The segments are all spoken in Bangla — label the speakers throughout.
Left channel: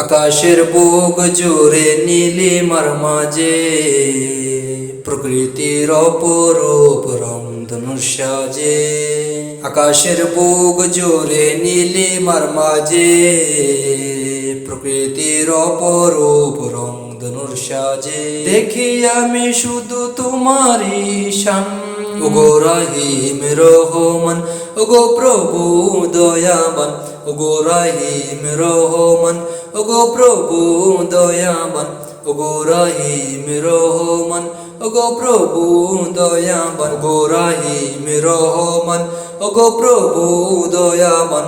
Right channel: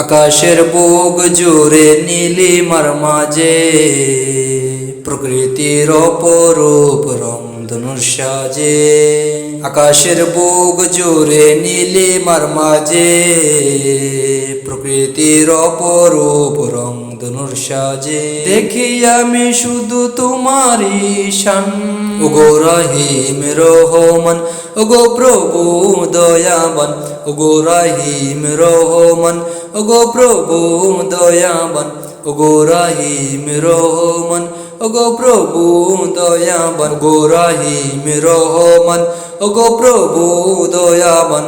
Speaker 1: আকাশের বুক জুড়ে নীলিমার মাঝে প্রকৃতির অপরূপ রমধনুর সাজে। আকাশের বুক জুড়ে নীলিমার মাঝে প্রকৃতির অপরূপ রমধনুর সাজে। দেখি আমি শুধু তোমারই শান ওগো রহিম রহমান ওগো প্রভু দয়াবান ওগো রহিম রহমান ওগো প্রভু দয়াবান ওগো রহিম রহমান ওগো প্রভু দয়াবান ওগো রহিম রহমান ওগো প্রভু দয়াবান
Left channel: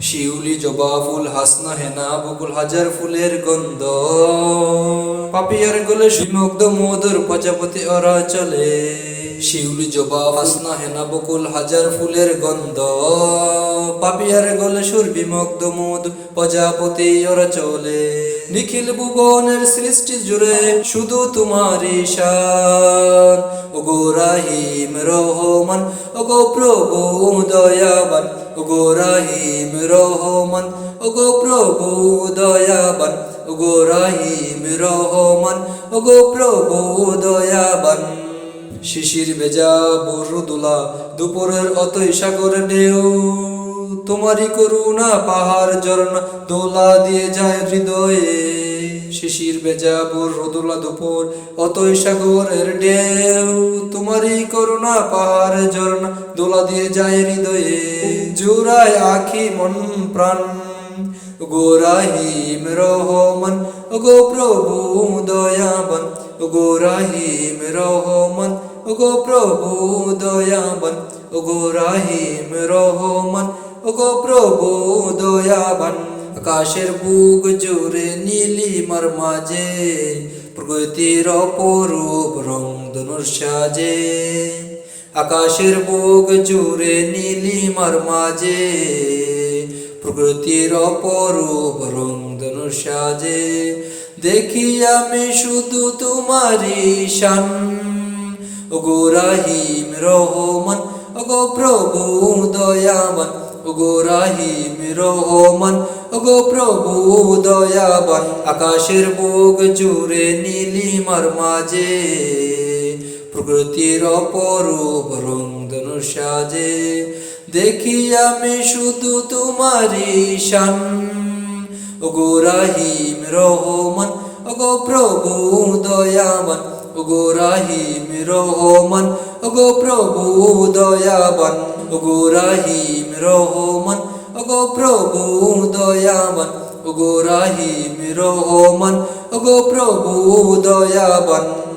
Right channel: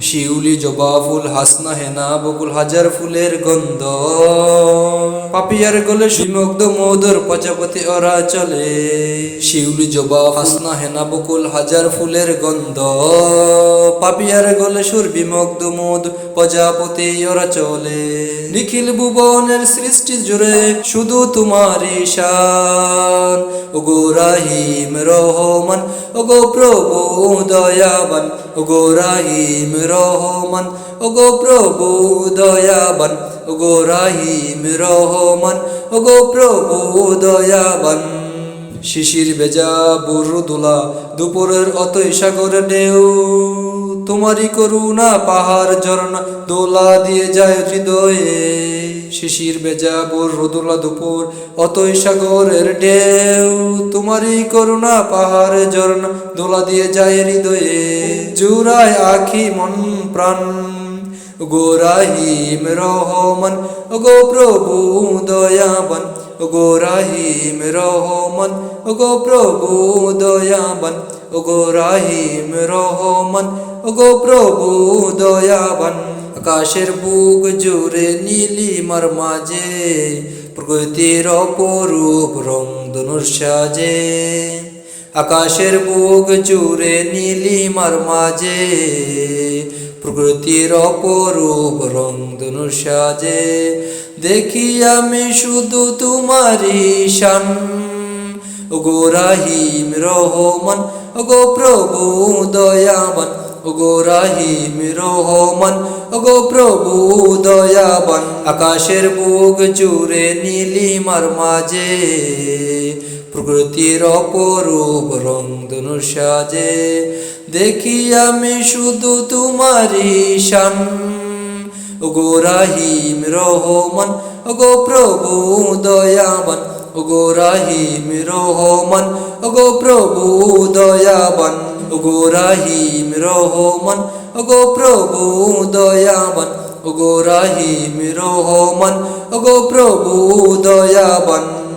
Speaker 1: শিউলি জবা ফুল, হাসনা হেনা, বকুল হাজার ফুলের গন্ধ। পাপিয়ার গলে সুমগ্ধ মধুর প্রজাপতি ওরা চলে। শিউলি জবা, হাসনা হেনা, বকুল হাজার ফুলের গন্ধ। পাপিয়ার গলে সুর বিমগ্ধ মধু প্রজাপতি ওরা চলে। নিখিল ভুবনের সৃষ্টি জুড়ে শুধু তোমার ঈশান ওগো রাহিম রহমান, ওগো প্রভু দয়াবান, ওগো রাহিম রহমান, ওগো প্রভু দয়াবান, ওগো রাহিম রহমান, ওগো প্রভু দয়াবান। শিশির ভেজা বুরুদুলা, দুপুরের অতই সাগর ঢেউ। তোমারই করুণা পাহাড় ঝরনা দোলা দিয়ে যায় হৃদয়ে। শিশির বেজা বোর রোদুলা দুপুর, অতই সাগরের ঢেউ। তোমারই করুণা পাহাড় ঝরনা দোলা দিয়ে যায় হৃদয়ে। জুড়ায় আখি মন প্রাণ, গো রাহিম রহমান, গো প্রভু দয়াবান, গো রাহিম রহমান, গো প্রভু দয়াবান, গো রাহিম রহমান গো প্রভু, দয়াবান, আকাশের বুক জুড়ে নীলিমার মাঝে, প্রকৃতির অপরূপ রং ধনুর সাজে। আকাশের বুক জুড়ে নীলিমার মাঝে, প্রকৃতির অপরূপ রং ধনুর সাজে। দেখি আমি শুধু তোমারি শান, ওগো রাহিম রহমান, ওগো প্রভু দয়াবান ওগো রাহিম রহমান, ওগো প্রভু দয়াবান, আকাশের বুক জুড়ে নীলিমার মাঝে, প্রকৃতির অপরূপ রং ধনুর সাজে, দেখি আমি শুধু তোমারই শান। ওগো রাহিম রহমান, ওগো প্রভু দয়াবান, ওগো রাহিম রহমান, ওগো প্রভু দয়াবান। ওগো রাহিম রহমান ওগো প্রভু দয়াবান ওগো রাহিম রহমান ওগো প্রভু দয়াবান।